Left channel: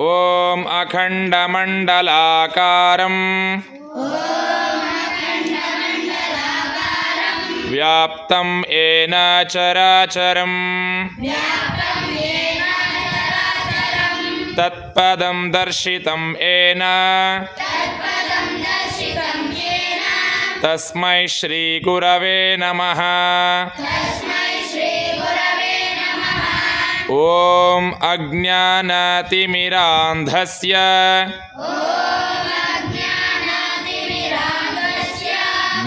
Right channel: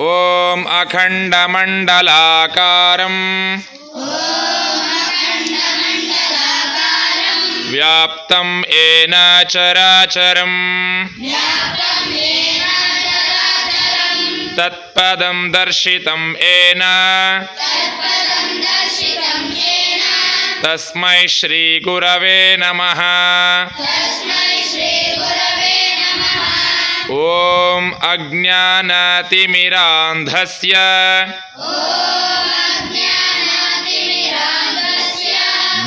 ॐ अखण्डमण्डलाकारम् व्याप्तं येन चराचरम् तत्पदं दर्शितं येन तस्मै श्रीगुरवे नमः ॐ अज्ञानतिमिरान्धस्य।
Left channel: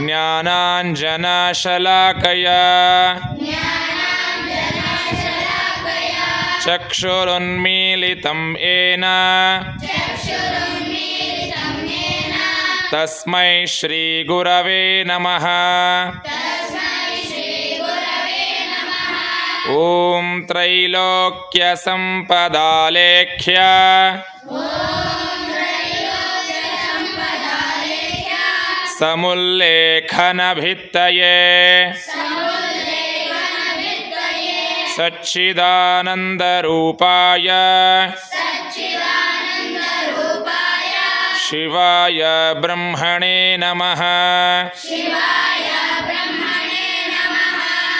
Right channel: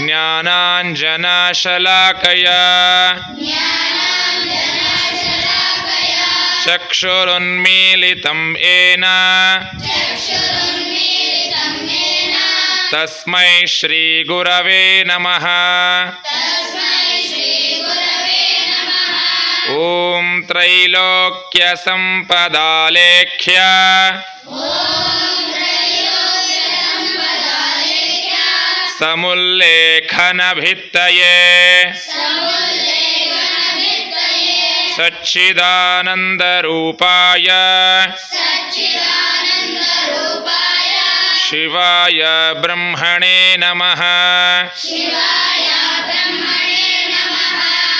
ज्ञानाञ्जनशलाकया। चक्षुरुन्मीलितं येन। तस्मै श्रीगुरवे नमः ॐ त्रैलोक्यसम्पदालेख्य। समुल्लेखनभित्तये। सच्चिदानन्दरूपाय। शिवाय ब्रह्मणे नमः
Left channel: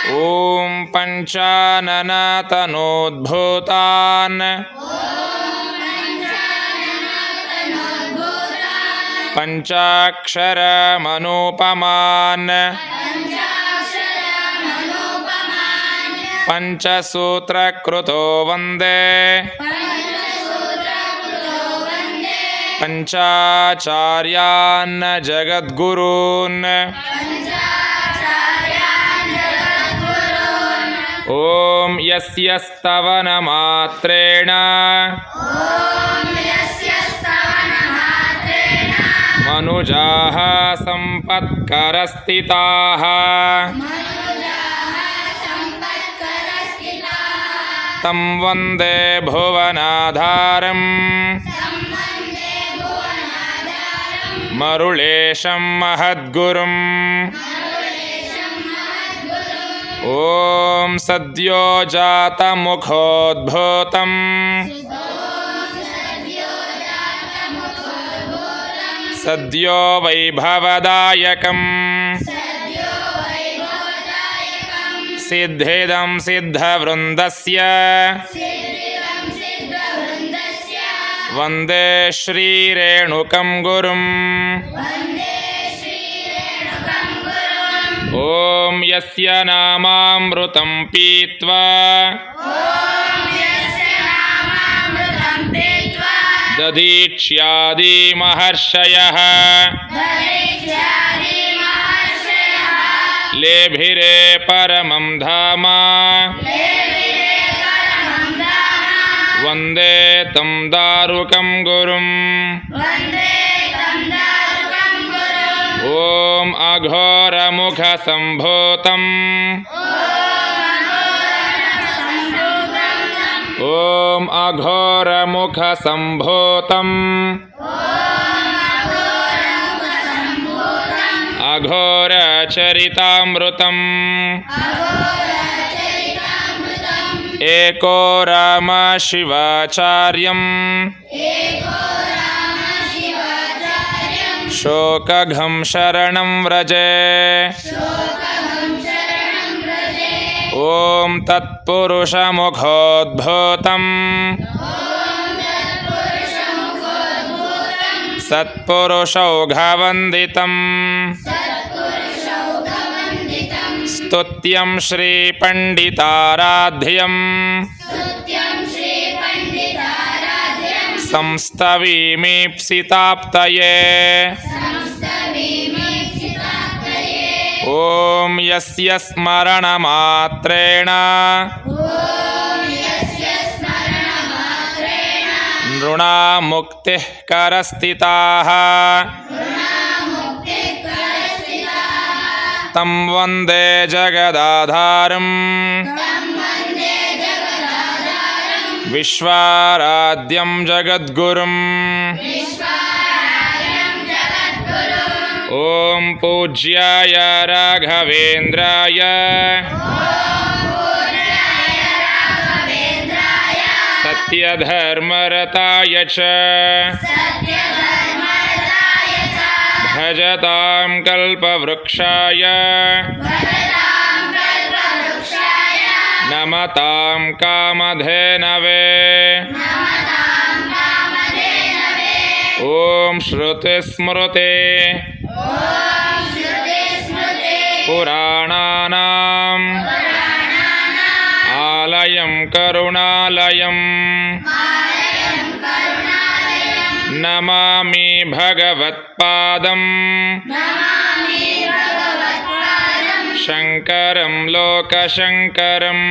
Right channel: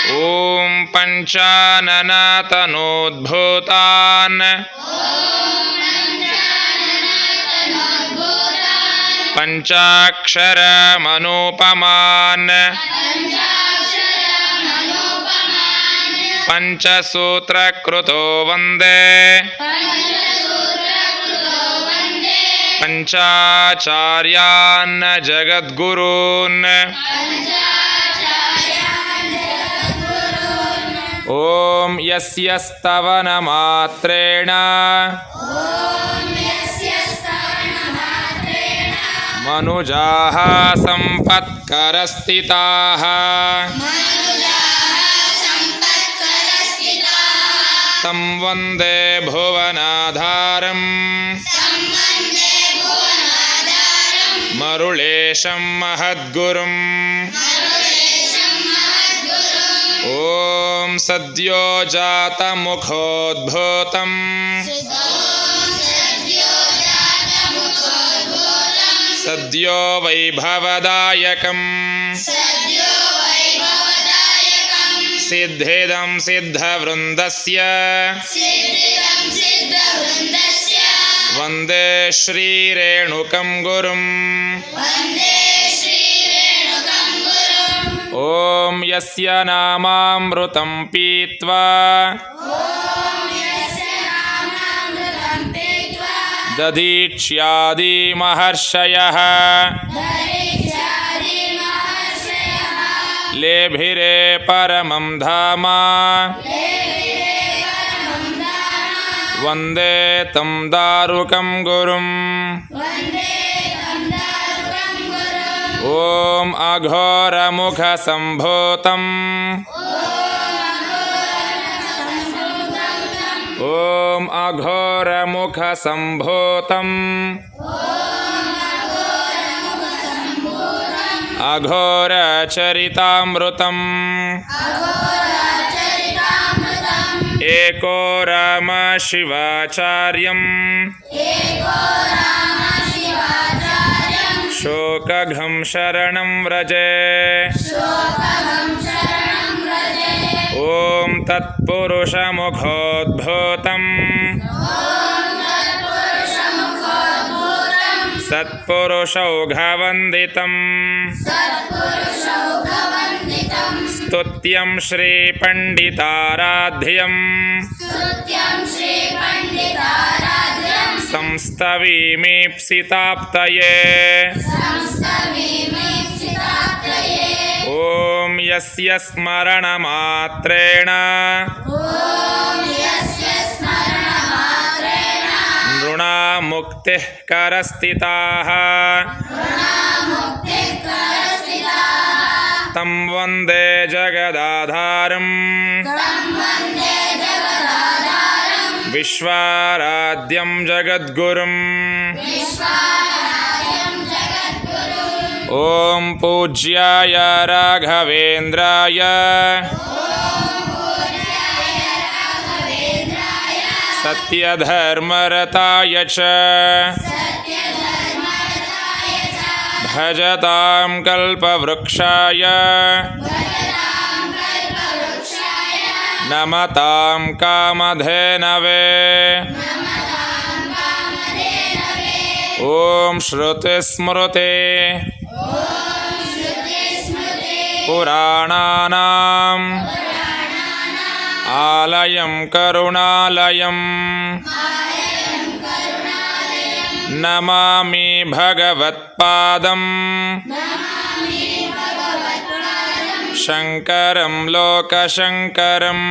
ॐ पञ्चाननतनोद्भूतान् पञ्चाक्षरमनुपमान् पञ्चसूत्रकृतो वन्दे पञ्चाचार्यान् जगद्गुरून् ॐ यस्य स्तवनमात्रेण मनुजाः सम्पत्करस्थिताः। तं वन्दे भुवनाधारम्। मरुळेशं महद्गुरुम् सद्यो जातमुखोद्भूतम् सद्यो वैभवदायकम् सिद्धिदं सिद्धवृन्दस्य वन्दे श्रीरेणुकं गुरुम् ॐ यस्य नामामृतं पीत्वा दधीक्ष्यादिमहर्षयः लेभिरे परमं धाम वन्दे तं दारुकं गुरुम् ॐ अघोरमुखसम्भूतम् ॐ अघोरमुखसम्भूतम् अघोरचरितामृतम् एको राम शिवाचार्यम् शोकघं शरणं व्रजे। ॐ तत्पुरुषमुखोद्भूतम्। सत्पुरुषौघवन्दितम्। स्तुत्यं श्रीपण्डिताराध्यम् संस्तवीमीप्सिताप्तये। ॐ यस्य स्मरणमात्रेण। नृणामुक्तिः करस्थिताः। तं वन्दे जगदाधारम् विश्वाराध्यं जगद्गुरुम्। ॐ पूज्याय राघवेन्द्राय। सत्यधर्मरताय च। भजतां कल्पवृक्षाय नमतां कामधेनवे। ॐ श्रुतिस्मृते पुराणानाम्। आलयं करुणालयम्। नमामि भगवत्पादम् शङ्करं लोकशङ्करम्